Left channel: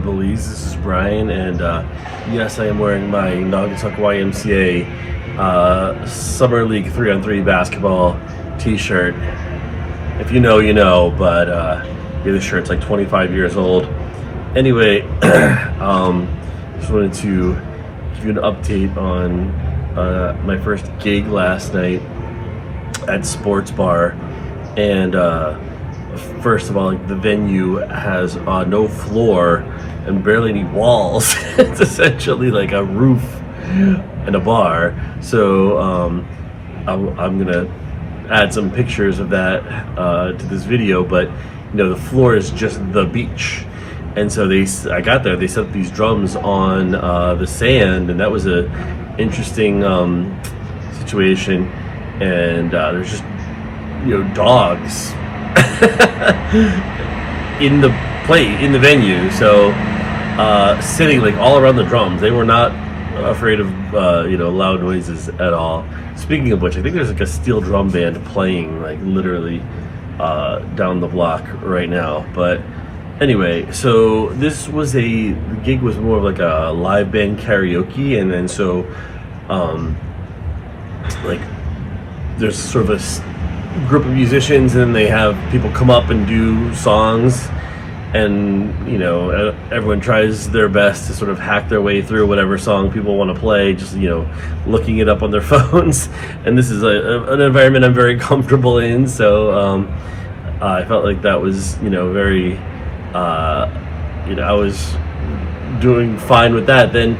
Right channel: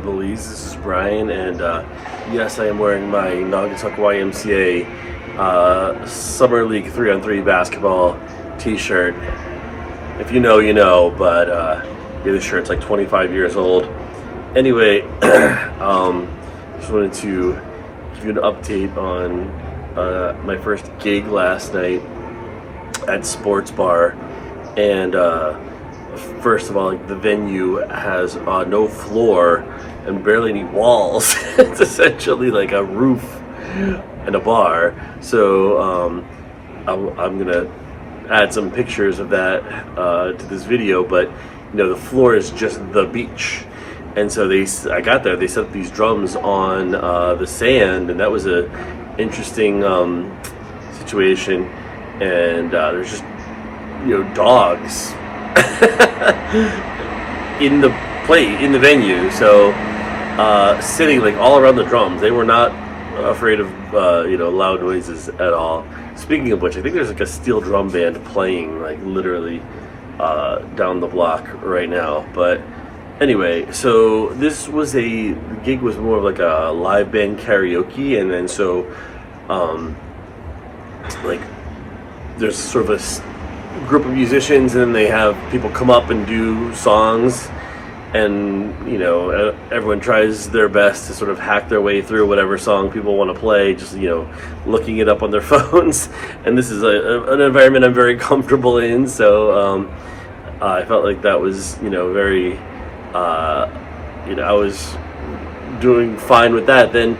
Belize. This is Brian, and yes, I am wearing my Naugatuck YMCA Summer League 3-on-3 basketball t-shirt. If you know, you know, but this shirt's like 25 years old. Anyway, just wanted to give you an update on my first gig last night at Sports Bar, and first of all, like, the venue has no floor and barely any walls. It's essentially like a roof and a bar. So I'm gonna add some pictures of that to this video, but the floor is just the beach. And so I got there, they set up these drums on the sand, and that was a interesting situation. And there's just dogs in the venue, so sitting like all around the drums. They were not afraid of loud noises at all. Speaking of which, I think there's like a steel drum band playing like literally down the block right now. But anyway, so this was the gig was more of like a live band karaoke, and then so like there's sort of a group of musicians, and then they have people come up and do songs, and everyone tries their best to sort of hack their way through whatever song people want to play, just looking it up on their phones. And this is an environment I'm very comfortable in, so I felt like that was very I was doing fine with that. Then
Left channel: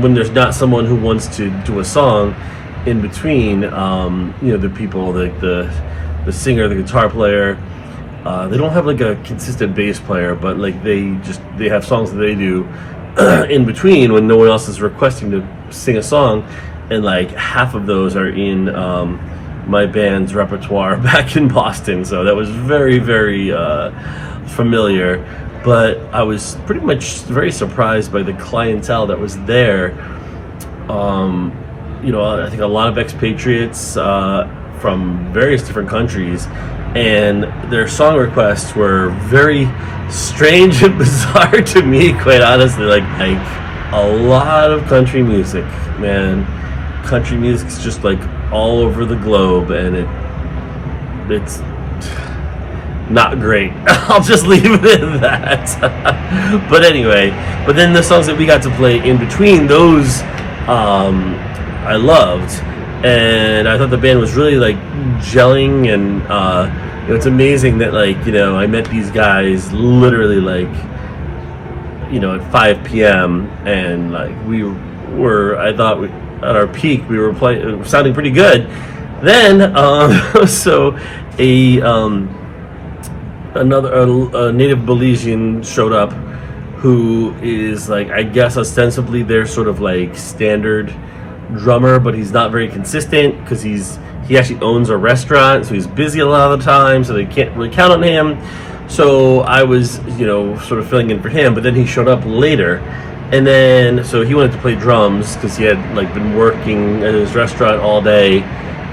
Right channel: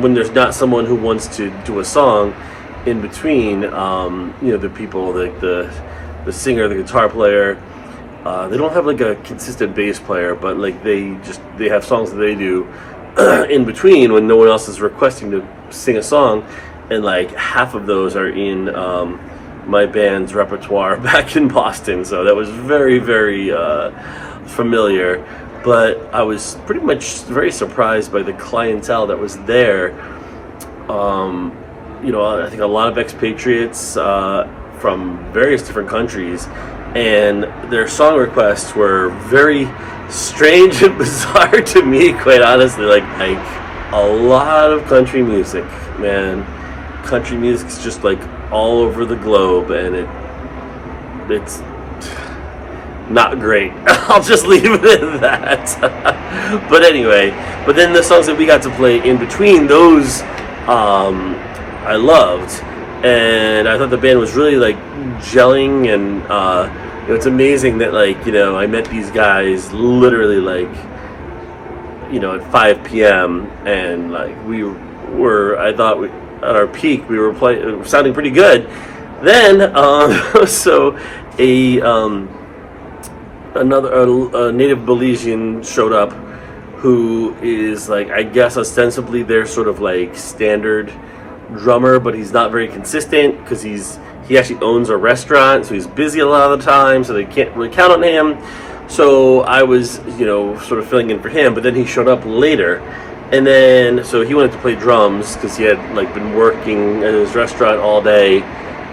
when there's not someone who wants to do a song in between, the people, like the singer, the guitar player, they don't have like a consistent bass player, but like they have songs that they do in between when no one else is requesting to sing a song, and like half of those are in my band's repertoire back in Boston. So that was very, very familiar. But I was pretty much very surprised by the clientele that was there. I think a lot of expatriates from various different countries, and their song requests were very strange and bizarre to me, quite honestly. Like a lot of country music, man. Country music's just like all over the globe, and it's not great. I'll just leave it at that. But anyway, then the songs that we got to play in between those, I loved, and I thought the band was really like gelling, and it's amazing that like I met these guys literally like at 5 p.m. and like we were, I thought at our peak we were sounding pretty good. Then so a native Belizean showed up, who is like, I guess ostensibly their sort of like standard drummer, but he's not very consistent because he actually owns a restaurant, so he's busy a lot of the time, so they can't really count on him. So I was sort of filling in for him, but then he showed up later, and then so he wanted to play drums because he had like been working at his restaurant all day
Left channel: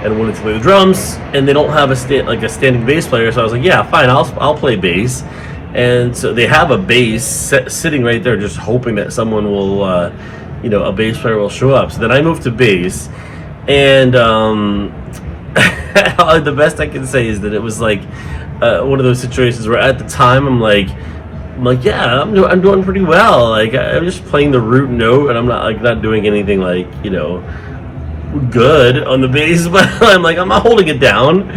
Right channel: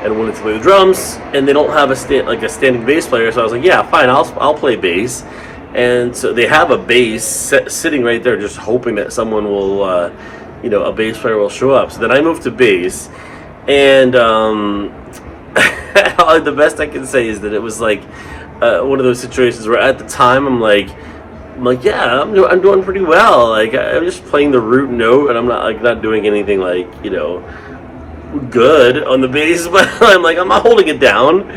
and wanted to play the drums, and they don't have a standing bass player. So I was like, yeah, fine, I'll play bass. And so they have a bass sitting right there, just hoping that someone will a bass player will show up. So then I moved to bass, and the best I can say is that it was like one of those situations where at the time I'm like, yeah, I'm doing pretty well. Like I'm just playing the root note, and I'm not doing anything like good on the bass, but I'm not holding it down.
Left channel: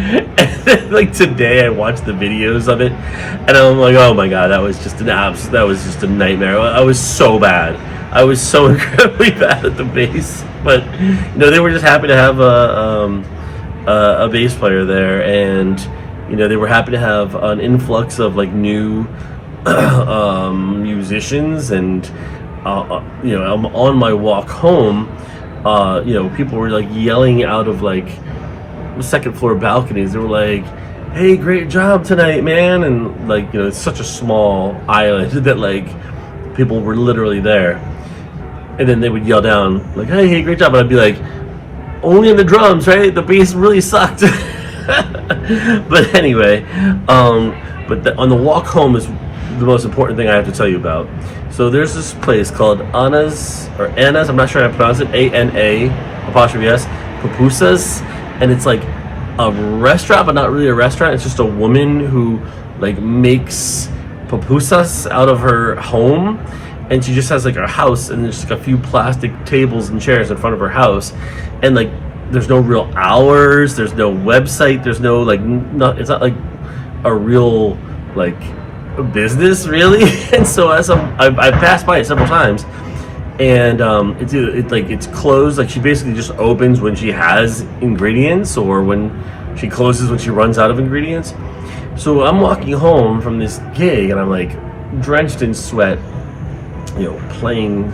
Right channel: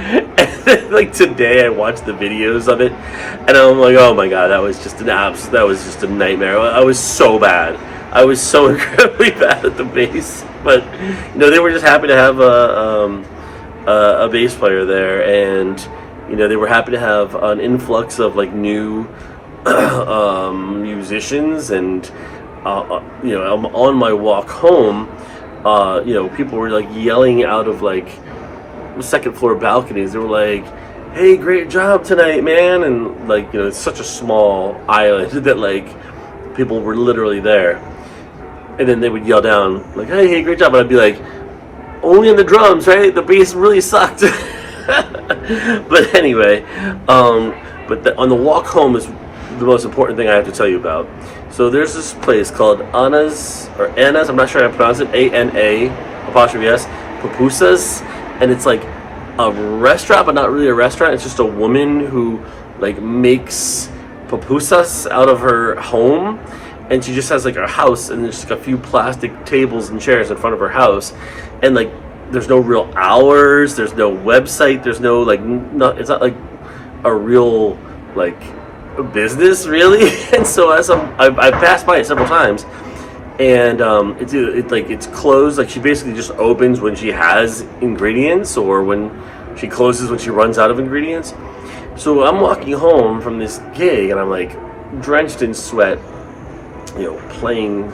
And like today I watched the videos of it, and I'm like, oh my god, that was just a nightmare. I was so bad. I was so incredibly bad at the bass. But they were just happy to have a bass player there, and they were happy to have an influx of like new musicians. And on my walk home, people were like yelling out of like second floor balconies. They were like, hey, great job tonight, man. And like it's such a small island that like people were literally there, and then they would yell down like, hey, great job. And I'd be like, only on the drums, right? The bass really sucked. But anyway, on the walk home is the most important thing I have to tell you about. So there's this place called Anna's, I'm not sure how to pronounce it, A-N-A, Pupusas, and it's like a restaurant, but not really a restaurant. It's just a woman who like makes pupusas out of her home, and she just has like a house, and there's like a few plastic tables and chairs in front of her house, and like there's no real hours, there's no website, there's no like, it's not like a real like business really. And so I've passed by it several times, and it's closed. Like she basically just opens when she has ingredients, or when she closes when she runs out of ingredients. So I'm walking home from this gig, and I'm like drenched in sweat, you know, playing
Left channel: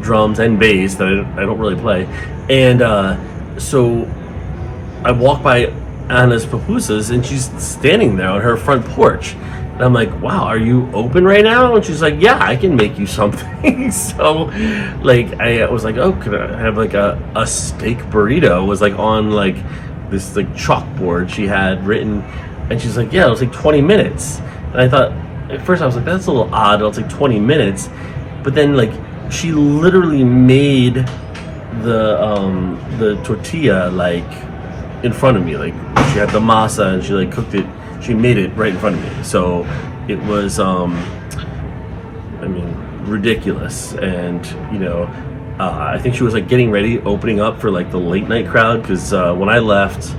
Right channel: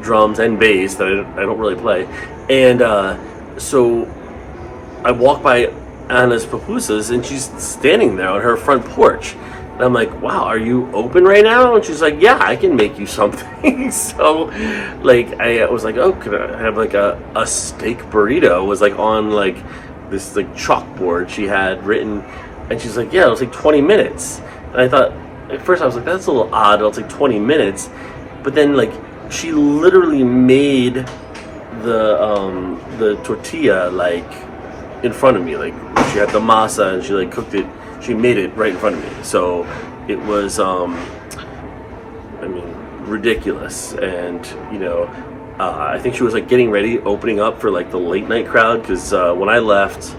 drums and bass that I don't really play, and so I walk by Anna's Pupusas, and she's standing there on her front porch. And I'm like, wow, are you open right now? And she's like, yeah, I can make you something. So, like, I was like, oh, could I have like a steak burrito? Was like on like this like chalkboard she had written, and she's like, yeah, it was like 20 minutes. And I thought, at first I was like, that's a little odd. It was like 20 minutes, but then like she literally made the tortilla like in front of me. Like she had the masa, and she like cooked it. She made it right in front of me. So it was, ridiculous. And, you know, I think she was like getting ready, opening up for like the late night crowd. Because when I left,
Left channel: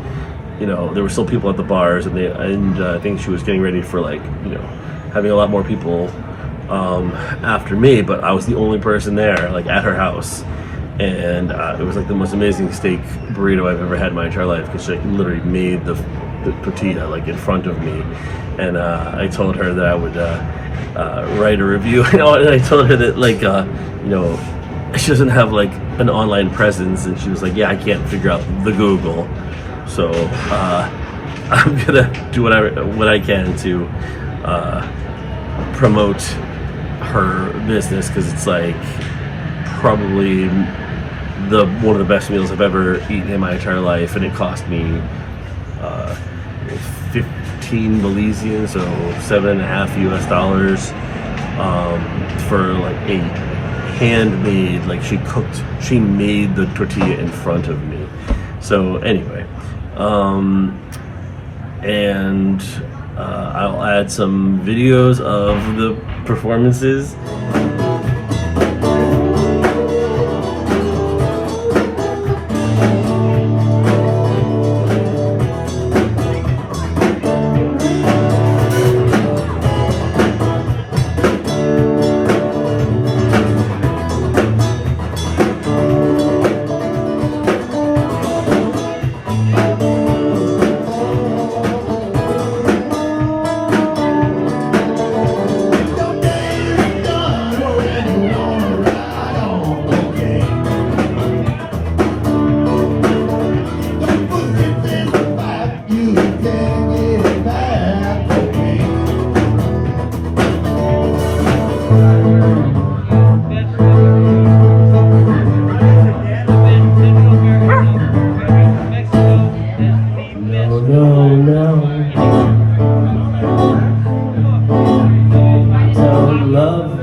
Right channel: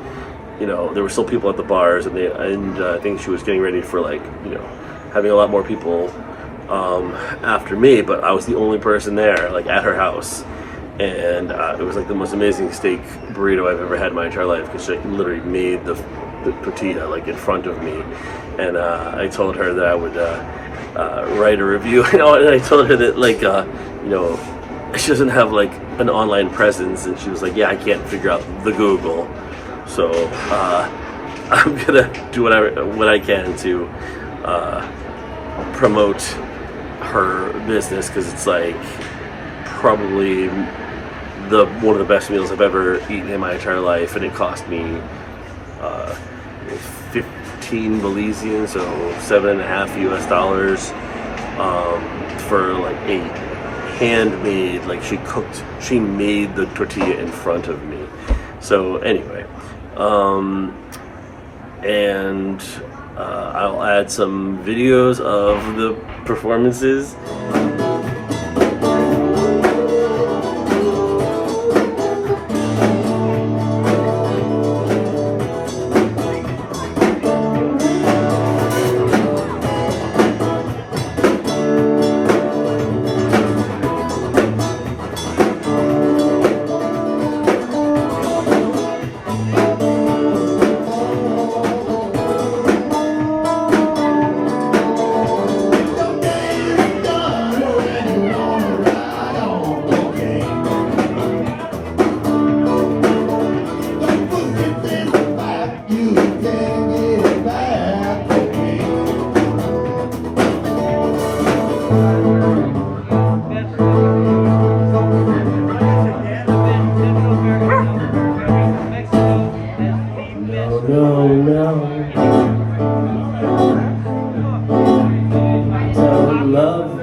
you know, there were still people at the bars, and I think she was getting ready for like, you know, having a lot more people after me. But I was the only person there, like at her house. And it was like the most amazing steak burrito I've ever had in my entire life, because she like, literally made the tortilla like in front of me. And I told her that I would write a review. You know, and I told her that like you know, she doesn't have like an online presence, and she was like, yeah, I can't figure out the Google. So I'm gonna do what I can to promote her business, because it's like probably one of the best meals I've ever eaten in my entire life, and it cost me 15 Belizean, so $7.50 US, for like a handmade, like she made the tortilla in front of me. So anyway, and I'll add some videos of the performances. Love